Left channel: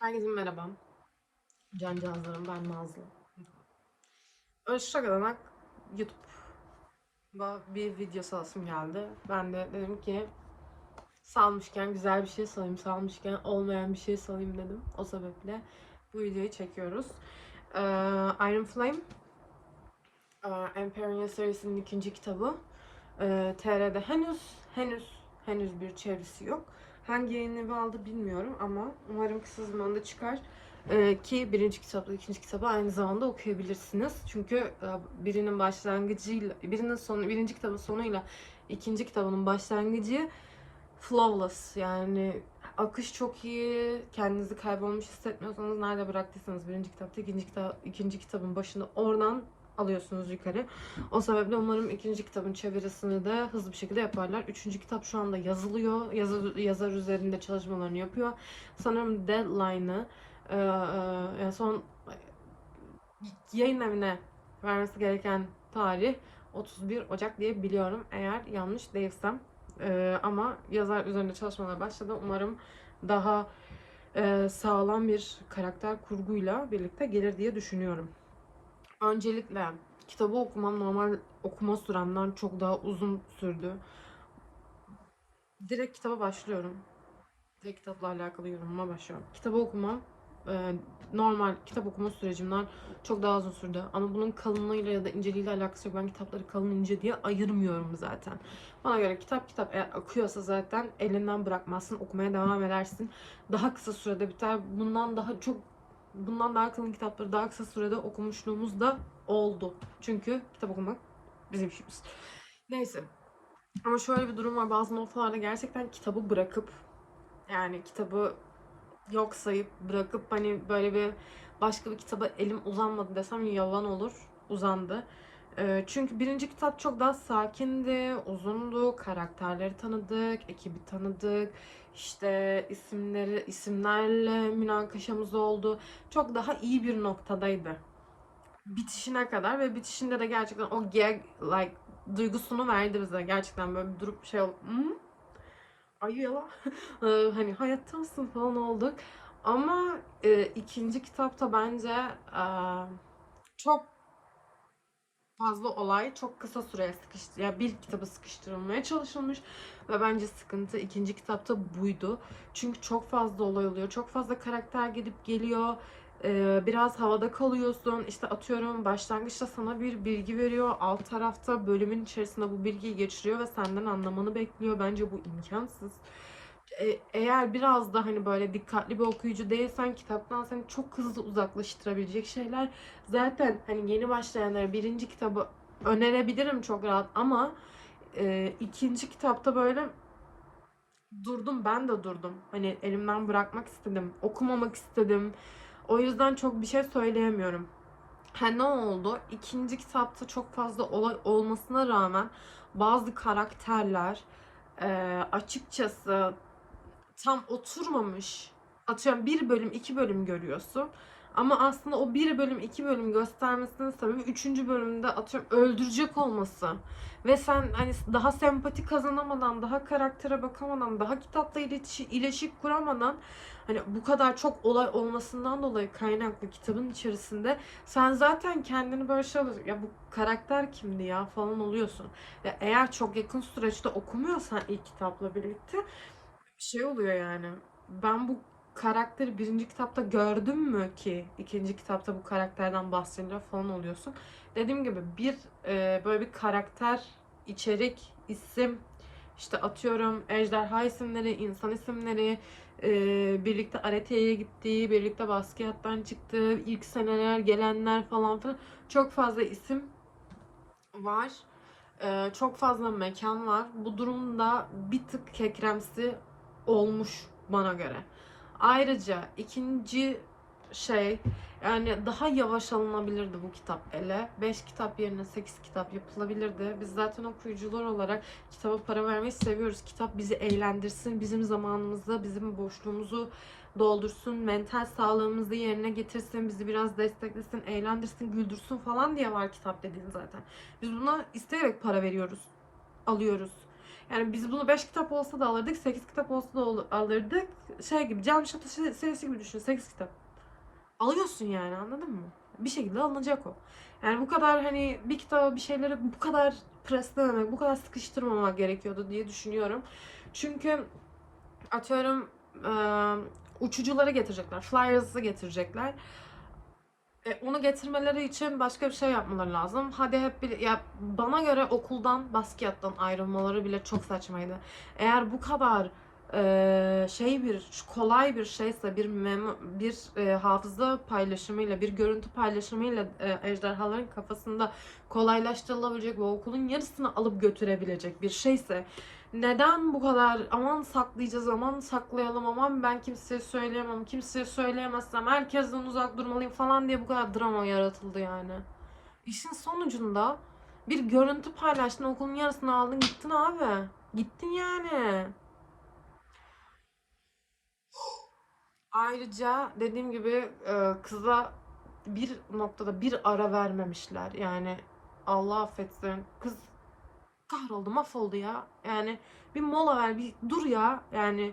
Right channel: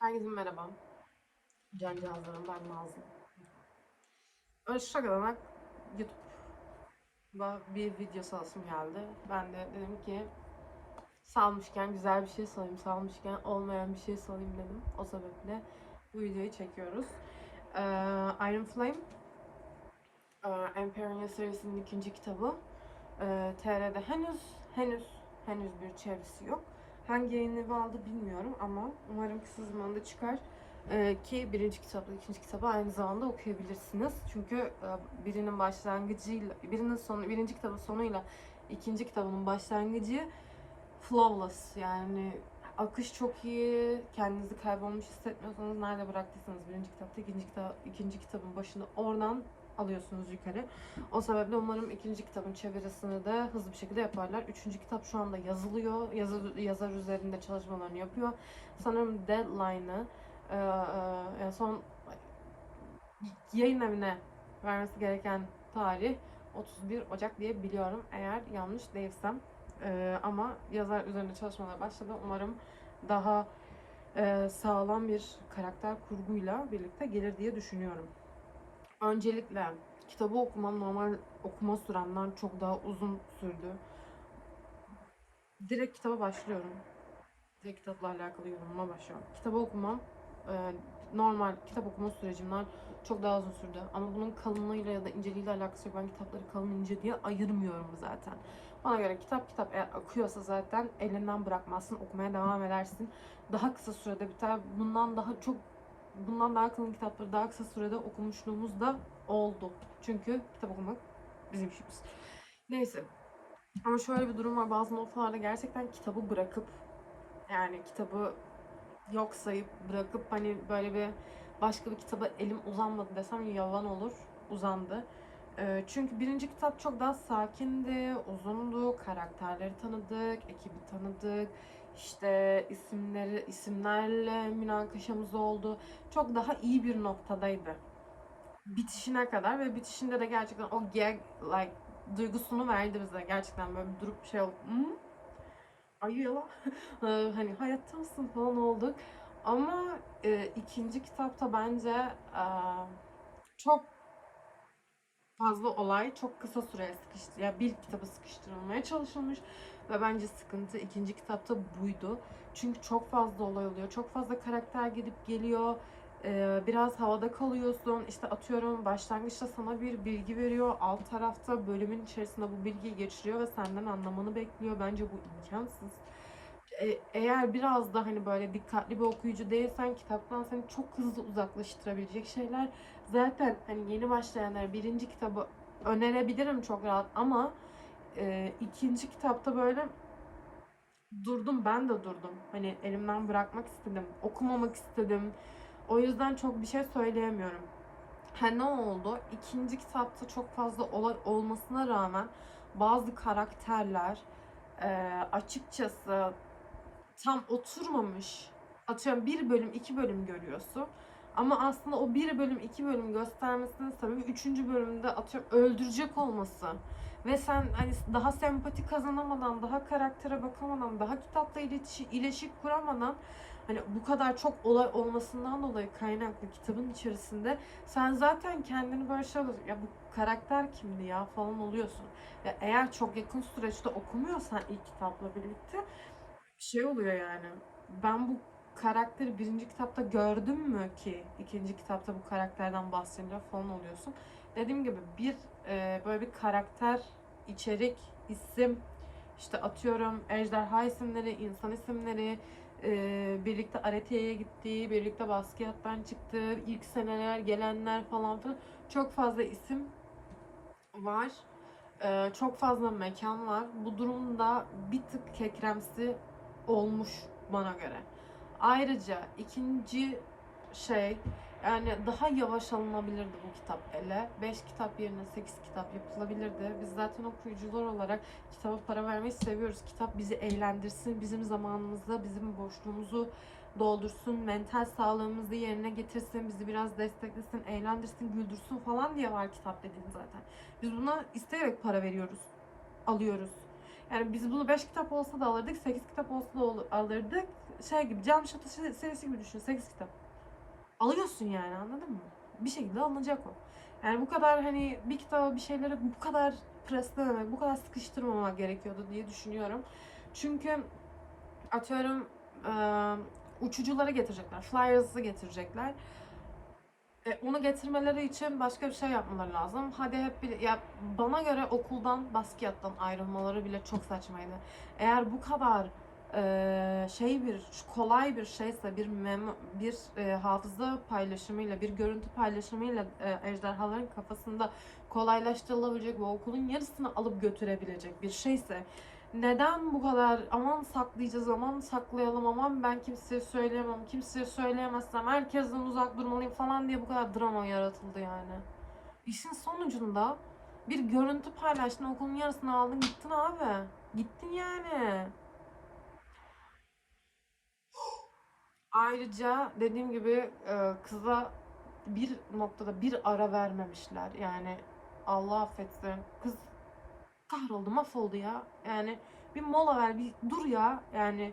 Herkese merhaba. Cancağızlarım ben Nazlı. Ölçü kadar YouTube'da bir video salasım geldi. Ben de dedim ki salmışken güzel bir şey salayım, salmışken olmayan bir şey salayım dedim. O sebeple bu videoyu çekiyoruz. Ee, Iron Flame e, serisinin ikinci kitabı. Ee, TR'de henüz henüz henüz bir çevirisi yok. Hangi yayın evi aldı bilmiyorum ama umarım kısa zamanda çıkar. Ee, ki birinci kitapla ikinci kitabı aynı zamanda okuyabilirsiniz. Çünkü e, birinin başlangıcıyla, birinin sonu, birinci kitabın sonuyla ikinci kitabının başlangıcı flawless yani akış çok iyi. Kendinizi kaybolmuş hissetmiyorsanız nerede bıraktıysanız birinci kitapta ikinci kitap ikinci kitabın başında oradan alıyorsunuz yukarı. O sebeple umarım ikinci kitabın çevirisini de hızlı bir şekilde yaparlar. Üçüncü kitap şu anda yazılıyor. Yazar, yazar üzerinde çalışmalarını yapıyor. Sanırım deadline'ı e, e, son yayın evine vermesi gereken tarih 31 Ocak diye biliyorum. Eğer yanlış değilsem. E, ama yazar üzerinde çalışmalar başladı. Umarım daha e, sağlam bir karakter kurguyla birlikte gelir diye düşünüyorum. Öncelikle kitabı okumam normal okuma süremden çok daha uzun sürdü. Direkt kitaba başlıyorum. Direkt kitapla alakalı yorumuma başlıyorum. Kitabı okumam e, normal kitap okuma sürecimden çok daha uzun sürdü. Ama bunun kalınlığıyla ya da inceliğiyle alakası yok. Ben kitapları kalın ince diye ayırmıyorum zaten. Bana göre kitap kitap eğer akıyorsa zaten elinden bırakmazsın. Okumaya devam edersin. Daha kısa sürede biter. Bundan daha çok bundan daha kalın kitapları daha kısa sürede okumuşluğumuz da oldu. Çünkü kitap okumak bizim işimiz. Neyse. Ama şöyle bir durum var. Bazı noktalarda gerçekten kitabı bırakıp yani kitabı yok sayıp bırakıp hani böyle bir başka bir kitaba elim uzanmadı desem yalan olur. Uzandı. Ee, çünkü birinci kitap çok daha sakindi, uzundu, karakterleri tanıdık, ekibi tanıdık, işte isimleri isimlerle münakaşamız oldu. Çok daha iyi bir noktadaydı. Bitişine kadar ve bitişinde de gerçekten o gag like duygusunu verdi bize. Gerçekten böyle durup şey ol- hmm? Ay yalan. Ee, hani hayatta mısın falan olduk. Ama e, ikinci kitapta bence e, çok fazla olay çok kısa süreye sıkıştı. Ya bir kitaba sıkıştırılmaya çalışılmış ve bence sıkıntı ikinci kitapta buydu. Çünkü çok fazla olay oluyor. Çok fazla karakter gidip geliyor. Ee, biraz havada kalıyorsun. İşte atıyorum başlangıçta sana bir bilgi veriyor. Alt tarafta bölümün içerisinde bu bilgiyi geçiriyor ve senden anlamanı bekliyor. Bence bu imkansız. E, eğer biraz da hani böyle dikkatli bir okuyucu değilsen kitaptan seni çok hızlı uzaklaştırabilecek şeyler zaten hani yeni başlayanlara birinci kitabı önerebilirim çok rahat ama e, ikinci kitapta böyle durdum ben de durdum. Hani elimden bırakmak istedim. Okumamak istedim. O yüzden çok bir şey söyleyemiyorum. Ha ne oldu? İkinci kitapta çok fazla olay olmasına rağmen bazı karakterler e, açıkçası tam oturmamış. Atıyorum bir bölüm, iki bölüm görüyorsun. Ama aslında o bir bölüm, iki bölüm göstermesinin sebebi üçüncü bölümde atıyorum öldürecek olması. Ve sen hani daha sempati kazanamadan, daha karaktere bakamadan, daha kitapla ilişki, ilişki kuramadan hani bu kadar çok olay olmasından dolayı kaynaklı kitabın içerisinde sen zaten kendini böyle şey oluyorsun. Ya bu karakter kimdi ya falan oluyorsun. Ve eğer çok yakın süreçte okumuyorsan ilk kitapla birlikte şey oluyor yani. Ben bu karakteri birinci kitapta gördüm mü ki ikinci kitapta bu karakterden bahsediliyor falan oluyorsun. Dediğim gibi bir e, böyle bir karakter, içerik, isim, işte atıyorum ejderha isimleri, insan isimleri, e, birlikte Arete'ye gittiği, birlikte Baskiyat'tan çıktığı, ilk seneler gelenler falan filan çok fazla isim var. E, çok fazla mekan var. Bu durumda bir tık kekremsi olmuş bana göre. Ayrıca ikinci şey yani daha yavaş alınabilirdi bu kitap ele. 5 kitap yerine 8 kitap yapılabilirdi. Biz zaten okuyucular olarak kitaba para vermeyi seviyoruz. Kitap bizi eğlendirsin, bizim zamanımızı, bizim boşluğumuzu doldursun, mental sağlığımızı yerine getirsin, bizi biraz desteklesin, eğlendirsin, güldürsün falan diye var kitap dediğin zaten. Biz buna isteyerek para veriyoruz, alıyoruz. Yani biz bunu 5 kitap olsa da alırdık, 8 kitap olsa da alırdık. Şey gibi, Cam Şatı se- serisi gibi düşün, 8 kitap. Alıyorsun yani anladın mı? Bir şekilde alınacak o. Yani bu kadar hani bir kitaba bir şeyleri bu kadar preslememek, bu kadar sıkıştırmamak gerekiyordu diye düşünüyorum. Çünkü atıyorum eee, uçucuları getirecekler, flyers'ı getirecekler. E, onu getirmeleri için başka bir şey yapmaları lazım. Hadi hep bir, ya bana göre okuldan basketten ayrılmaları bile çok saçmaydı. Eğer bu kadar e, şey bir kolay bir şeyse bir memo, bir e, hafıza paylaşımıyla bir görüntü paylaşımıyla e, ejderhaların kafasında kolaylaştırılabilecek ve okulun yarısını alıp götürebilecek bir şeyse neden bu kadar aman saklayacağız aman saklayalım aman ben kimseye söyleyemem kimseye söyleyemezsem herkesten uzak durmalıyım falan diye bu kadar drama yaratıldı yani. İşin sonucunda bir görüntü paylaştın okulun yarısını aldın gittin abi. Gittin yani. Ayrıca dediğim gibi e, kıza bir noktada bir ara vermemişler. Yani Allah affetsin. Kız kahroldu, mahvoldu ya. Yani bir mola ver, bir dur ya. Yani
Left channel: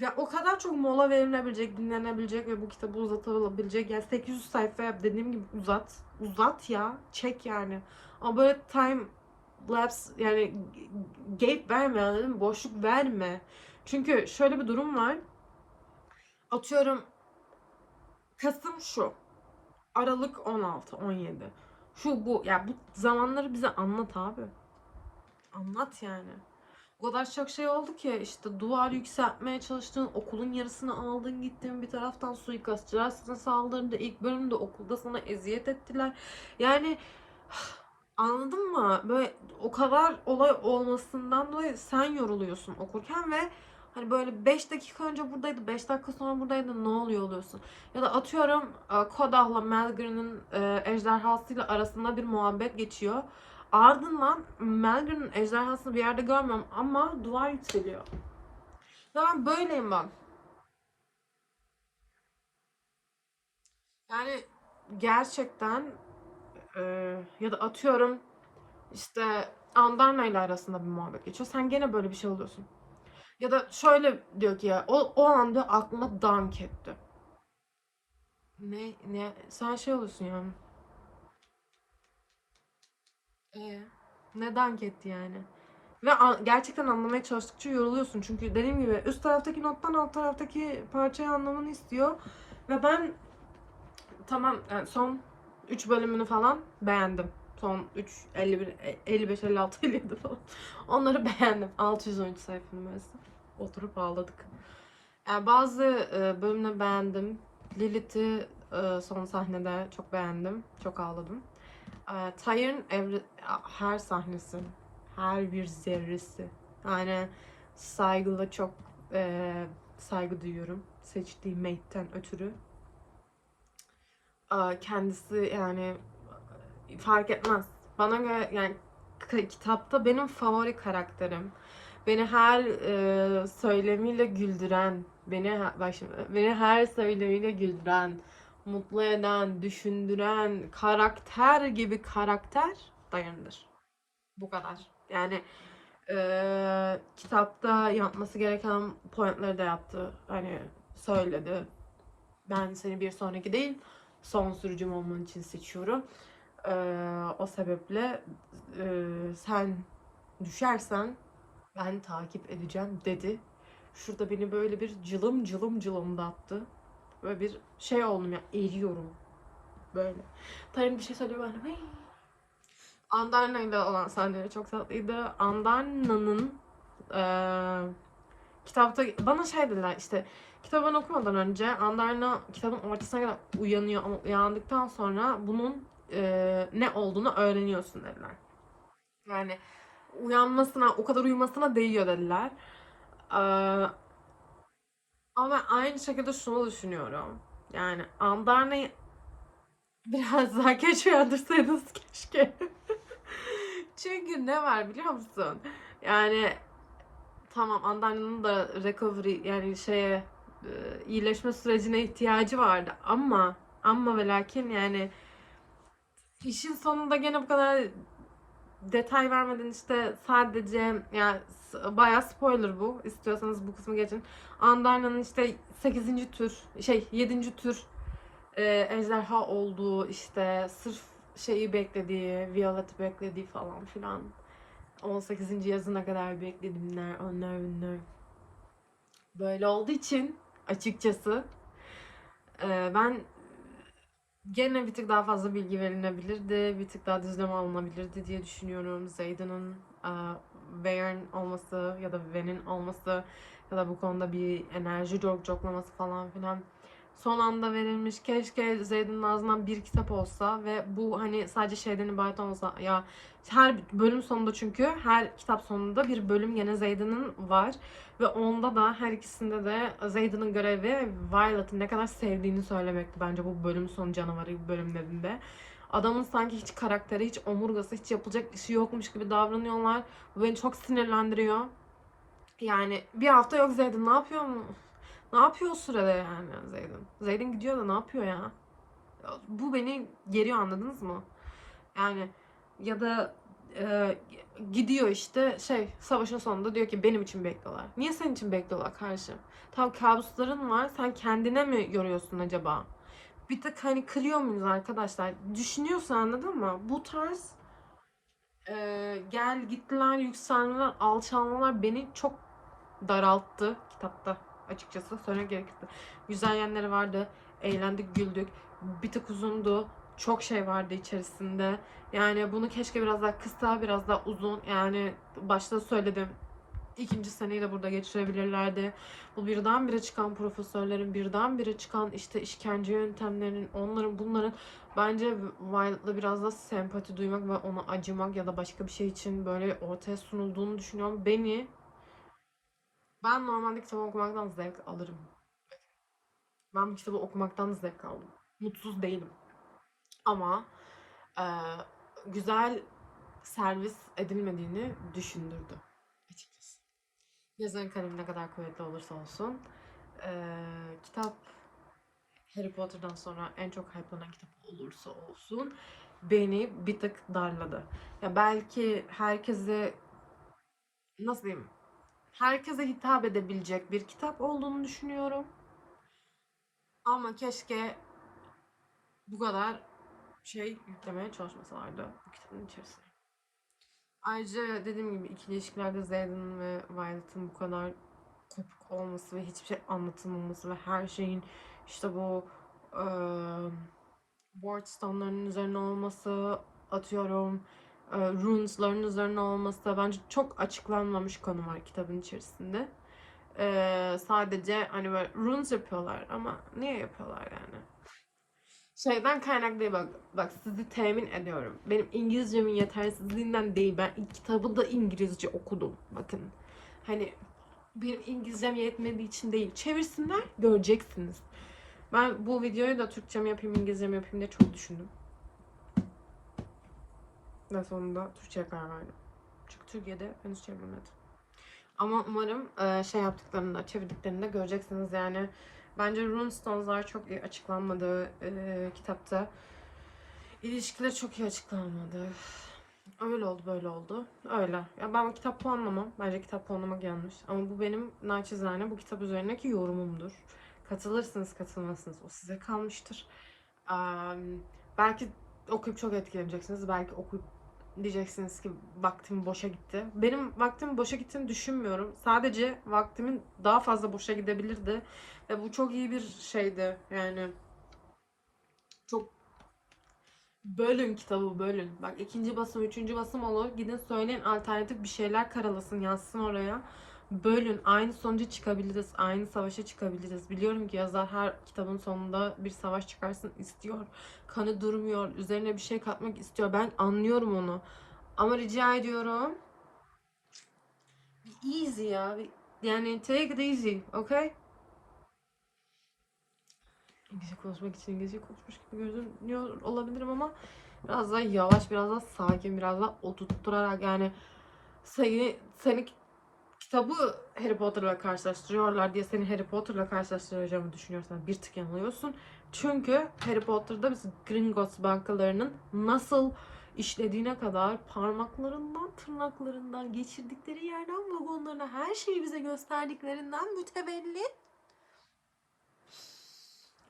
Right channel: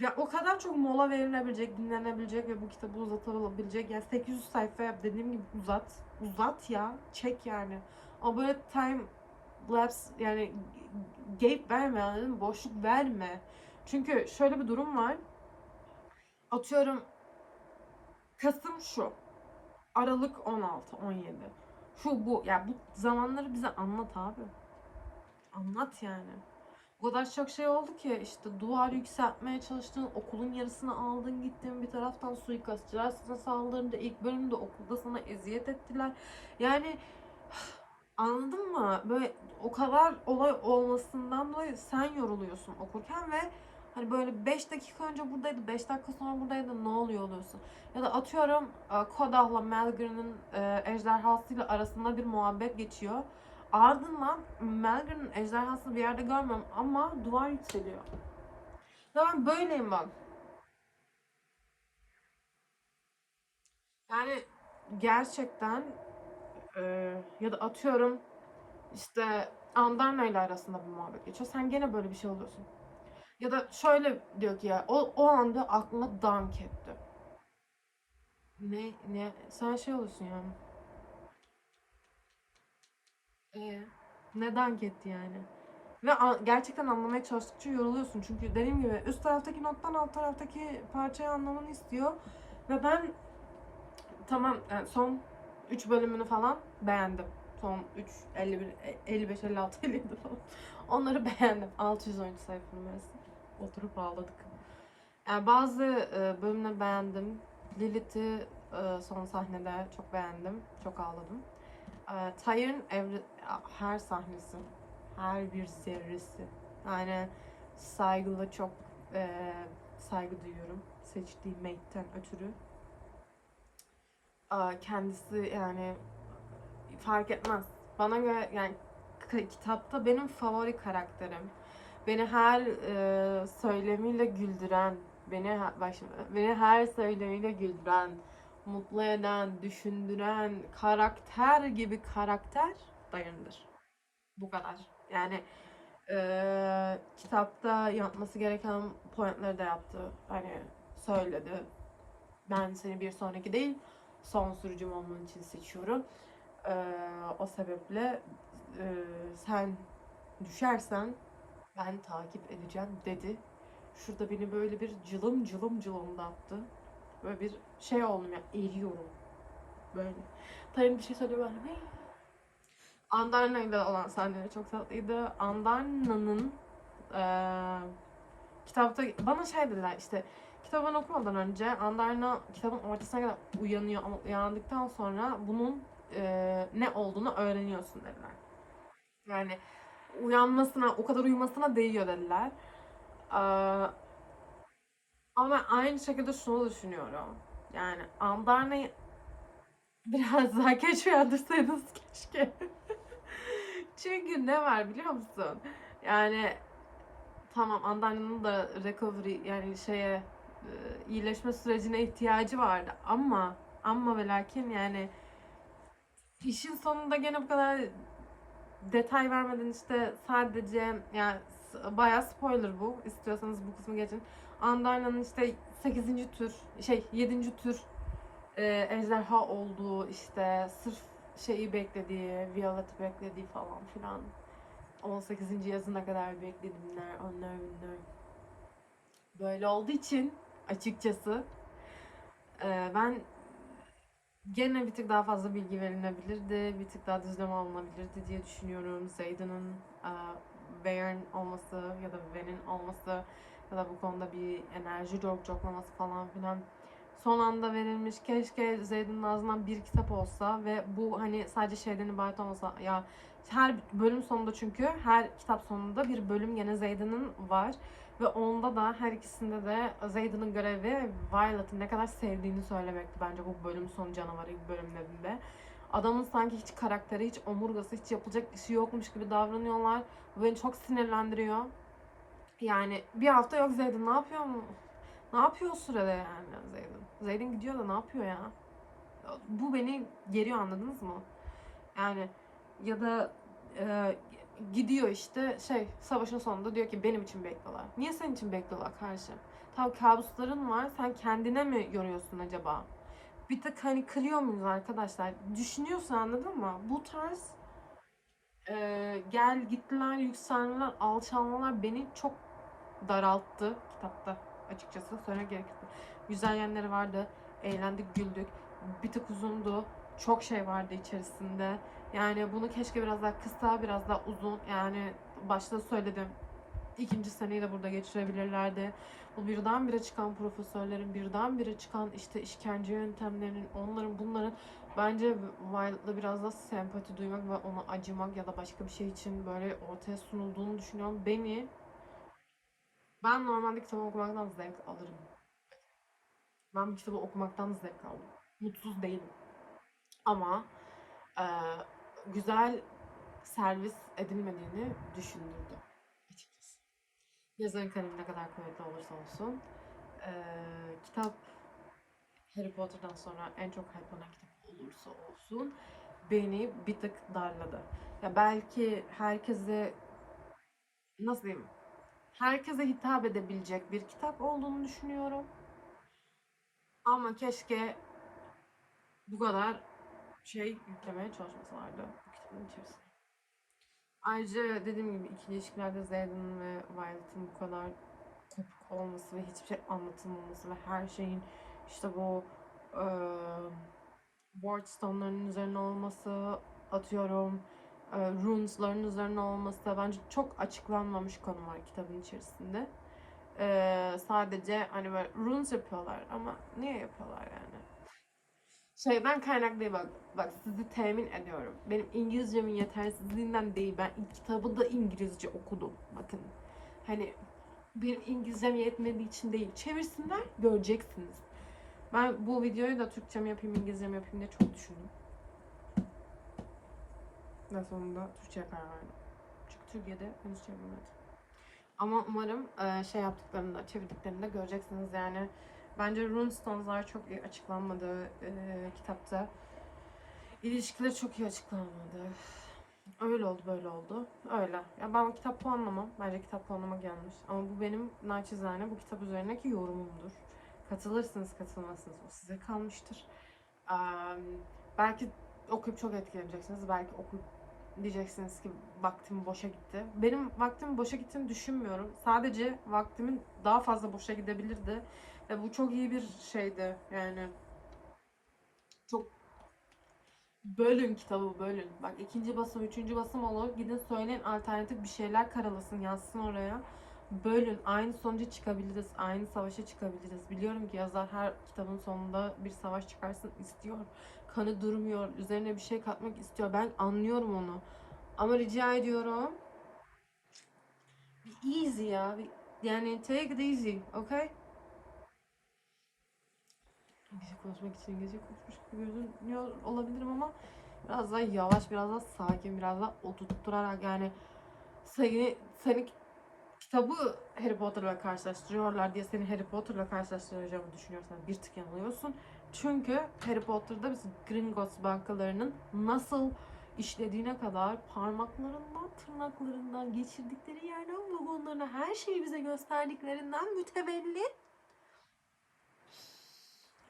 ya o kadar çok mola verilebilecek, dinlenebilecek ve bu kitabı uzatılabilecek. Yani 800 sayfa yap dediğim gibi uzat. Uzat ya. Çek yani. Ama böyle time lapse yani gap verme anladın? Boşluk verme. Çünkü şöyle bir durum var. Atıyorum Kasım şu. Aralık 16, 17. Şu bu. Ya bu zamanları bize anlat abi. Anlat yani. O kadar çok şey oldu ki işte duvar yükseltmeye çalıştın, okulun yarısını aldın gittin, bir taraftan suikastçılar sana saldırdı, ilk bölümde okulda sana eziyet ettiler. Yani anladın mı? Böyle o kadar olay olmasından dolayı sen yoruluyorsun okurken ve hani böyle 5 dakika önce buradaydı, 5 dakika sonra buradaydı ne oluyor oluyorsun. Ya da atıyorum e, Kodah'la Malgrin'in e, ejderhasıyla arasında bir muhabbet geçiyor. Ardından Melgrin'in ejderhasını bir yerde görmüyorum ama duvar yükseliyor. Ve ben böyleyim bak. Yani gerçekten e, ya da atıyorum işte Andarna ile arasında bir muhabbet geçiyor. Sen gene böyle bir şey oluyorsun. Ya da şöyle diyor ki ya o, o anda aklıma dank etti. Ne, ne, sen şey oluyorsun yani. Ee, ne dank etti yani. Ve an- gerçekten anlamaya çalıştıkça yoruluyorsun. Çünkü dediğim gibi üst taraftaki nottan alt taraftaki parçayı anlamanı istiyor. Ve ben tamam yani son 3 bölümünü falan beğendim. Son 3, 51, 55, 56, 57 falan. Onları beğendim. 613 sayfa numarası. Oturup ağladık. Yani bazı e, beğendim. Lilith'i e, son sahnede çok beğendim. Çok ağladım. E, evre, her sahnesi, her bir zerresi. Yani saygılı çok e, saygı duyuyorum. Seçtiği mate'ten ötürü. E, kendisi yani fark etmez. Bana göre yani kitapta benim favori karakterim. Beni her e, söylemiyle güldüren, beni bak şimdi, beni her söylemiyle güldüren, mutlu eden, düşündüren karakter gibi karakter dayanır. Bu kadar. Yani e, kitapta yapması gereken pointleri de yaptı. Hani söyledi. Ben seni bir sonraki değil, son sürücüm olman için seçiyorum. E, o sebeple e, sen düşersen ben takip edeceğim dedi. Şurada beni böyle bir cılım cılım cılımdattı. Böyle bir şey oldum ya eriyorum. Böyle. Tayyip bir şey söylüyor ben. de, "Hey." Andarna ile olan sahneleri çok tatlıydı. Andarna'nın eee kitapta bana şey dediler işte kitabını okumadan önce Andarna kitabın ortasına kadar uyanıyor ama uyandıktan sonra bunun eee, ne olduğunu öğreniyorsun dediler. Yani uyanmasına, o kadar uyumasına değiyor dediler. Eee, ama ben aynı şekilde şunu düşünüyorum. Yani Andarna'yı biraz daha geç uyandırsaydınız keşke. Çünkü ne var biliyor musun? Yani tamam Andarna'nın da recovery yani şeye e, iyileşme sürecine ihtiyacı vardı ama ama ve lakin yani işin sonunda gene bu kadar detay vermeden işte sadece yani bayağı spoiler bu. İstiyorsanız bu kısmı geçin. Andarna'nın işte 8. tür şey 7. tür e, ejderha olduğu işte sırf şeyi beklediği, Violet'i beklediği falan filan. 18. yazına kadar beklediğimler, onlar bunlar. Böyle olduğu için açıkçası e, ben gene bir tık daha fazla bilgi verilebilirdi, bir tık daha düzleme alınabilirdi diye düşünüyorum. Zayden'ın Vayern olması ya da Ven'in olması ya da bu konuda bir enerji jog joklaması falan filan son anda verilmiş. Keşke Zayden'ın ağzından bir kitap olsa ve bu hani sadece şeyden ibaret olmasa ya her bölüm sonunda çünkü her kitap sonunda bir bölüm gene Zayden'ın var ve onda da her ikisinde de Zayden'ın görevi Violet'ı ne kadar sevdiğini söylemekti bence bu bölüm sonu canavarı bölümlerinde. Adamın sanki hiç karakteri, hiç omurgası, hiç yapılacak işi yokmuş gibi davranıyorlar. Bu beni çok sinirlendiriyor. Yani bir hafta yok Zayden ne yapıyor mu? Ne yapıyor o sırada yani Zayden? Zayden gidiyor da ne yapıyor ya? Bu beni geriyor anladınız mı? Yani ya da e, gidiyor işte şey savaşın sonunda diyor ki benim için bekliyorlar. Niye senin için bekliyorlar karşı? Tam kabusların var sen kendine mi yoruyorsun acaba? Bir tık hani kırıyor muyuz arkadaşlar? Düşünüyorsun anladın mı? Bu tarz e, gel gittiler, yükselmeler, alçalmalar beni çok daralttı kitapta açıkçası. Söylemek gerekirse. Güzel yanları vardı. Eğlendik, güldük. Bir tık uzundu. Çok şey vardı içerisinde. Yani bunu keşke biraz daha kısa, biraz daha uzun. Yani başta söyledim. İkinci seneyi de burada geçirebilirlerdi. Bu birdenbire çıkan profesörlerin, birdenbire çıkan işte işkence yöntemlerinin, onların bunların bence Violet'la biraz da sempati duymak ve ona acımak ya da başka bir şey için böyle ortaya sunulduğunu düşünüyorum. Beni ben normalde kitap okumaktan zevk alırım. Ben bu kitabı okumaktan zevk aldım. Mutsuz değilim. Ama eee, güzel servis edilmediğini düşündürdü açıkçası. Yazarın kalemi ne kadar kuvvetli olursa olsun. eee, kitap Harry Potter'dan sonra en çok hype'lanan kitap olursa olsun beni bir tık darladı. Ya belki herkese nasıl diyeyim herkese hitap edebilecek bir kitap olduğunu düşünüyorum. Ama keşke bu kadar şey yüklemeye çalışmasalardı bu kitabın içerisine. Ayrıca dediğim gibi ikili ilişkilerde Zayden ve Violet'ın bu kadar kopuk olması ve hiçbir şey anlatılmaması ve her şeyin işte bu eee Wardstone'ların üzerine olması, atıyorum e, runes'ların üzerine olması bence çok açıklanmamış konu var kitabın içerisinde. E, sadece hani böyle runes yapıyorlar ama niye yapıyorlar yani? Şeyden kaynaklı değil bak, bak sizi temin ediyorum. Benim İngilizcemin yetersizliğinden değil. Ben kitabı da İngilizce okudum. Bakın. Hani benim İngilizcem yetmediği için değil. Çevirsinler göreceksiniz. Ben bu videoyu da Türkçe mi yapayım, İngilizce mi yapayım diye çok düşündüm. Ve sonunda Türkçe'ye karar verdim. Çünkü Türkiye'de henüz çevrilmedi. Ama umarım e, şey yaptıklarında, çevirdiklerinde göreceksiniz yani. Bence Runestones'lar çok iyi açıklanmadı e, kitapta. İlişkiler çok iyi açıklanmadı. Öyle oldu, böyle oldu. Öyle. Ya ben kitap puanlamam. Bence kitap puanlamak yanlış. Ama bu benim naçizane bu kitap üzerindeki yorumumdur. Katılırsınız, katılmazsınız. O size kalmıştır. Eee, belki okuyup çok etkileneceksiniz. Belki okuyup diyeceksiniz ki vaktim boşa gitti. Benim vaktimin boşa gittiğini düşünmüyorum. Sadece vaktimin daha fazla boşa gidebilirdi. Ve bu çok iyi bir şeydi. Yani çok bölün kitabı bölün. Bak ikinci basım, üçüncü basım olur. Gidin söyleyin alternatif bir şeyler karalasın, yazsın oraya. Bölün. Aynı sonuca çıkabiliriz. Aynı savaşa çıkabiliriz. Biliyorum ki yazar her kitabın sonunda bir savaş çıkarsın istiyor. Kanı durmuyor. Üzerine bir şey katmak istiyor. Ben anlıyorum onu. Ama rica ediyorum. Be easy ya. Bir- Yani take it easy. Okay? İngilizce konuşmak için İngilizce konuşmuş gibi görünüyor olabilirim ama biraz daha yavaş, biraz daha sakin, biraz daha oturtturarak yani seni, seni kitabı Harry Potter'la karşılaştırıyorlar diye seni Harry Potter'la karşılaştıracağımı düşünüyorsan bir tık yanılıyorsun. Çünkü Harry Potter'da biz Gringotts bankalarının nasıl işlediğine kadar parmaklarından, tırnaklarından, geçirdikleri yerden vagonlarına her şeyi bize gösterdiklerinden mütevelli.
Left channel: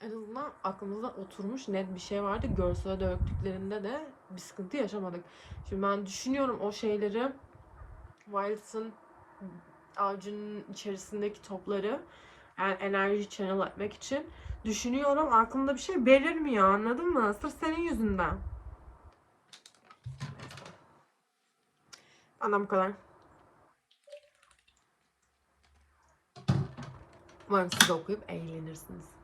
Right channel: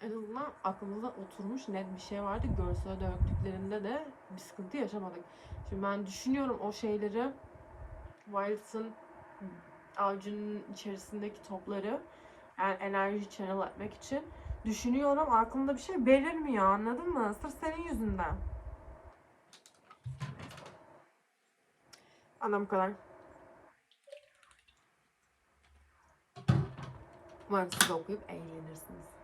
En azından aklımıza oturmuş net bir şey vardı. Görsele döktüklerinde de bir sıkıntı yaşamadık. Şimdi ben düşünüyorum o şeyleri Wildes'ın avcunun içerisindeki topları yani enerji channel etmek için düşünüyorum aklımda bir şey belirmiyor anladın mı? Sırf senin yüzünden. Anam bu kadar. Umarım siz okuyup eğlenirsiniz.